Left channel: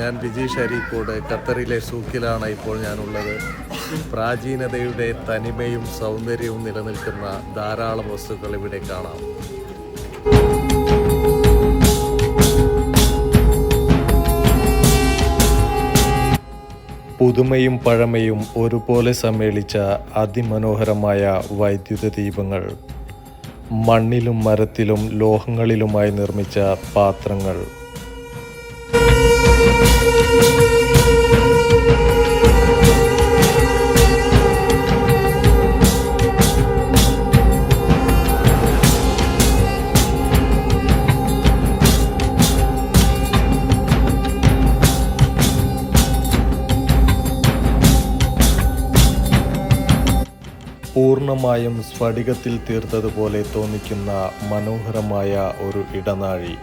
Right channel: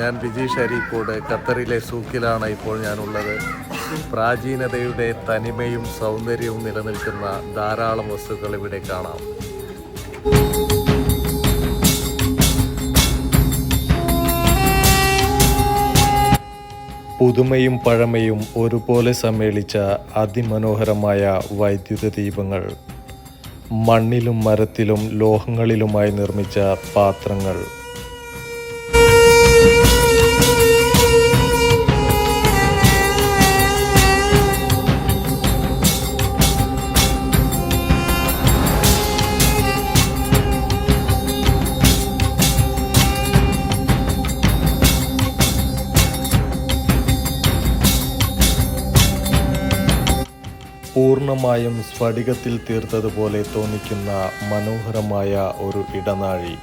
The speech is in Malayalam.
ഞാൻ വിജീഷ് അരീക്കോട് ഖത്തറിലെ സൂക്കിലാണ് ഇപ്പോൾ ഞാനുള്ളത്. പ്രാചീനതയുടെ തനിമയും സൗന്ദര്യവും നിലനിൽക്കുന്ന ധാരാളം വസ്തുക്കൾ ഇവിടെ കാണാം. പുതുമയും പഴമയും ഒരുപോലെ സമ്മേളിച്ച അതിമനോഹരമായ വൈദ്യുത ദീപങ്ങൾ, മണ്ണിലും മരത്തിലും ലോഹങ്ങളിലുമായി നിർമ്മിച്ച പാത്രങ്ങൾ, പൂർണ്ണമായും സ്ഫടികത്തിൽ തീർത്തതുപോലെ തോന്നിക്കുന്ന മനോഹരമായ ഒരു ഇടനാഴി.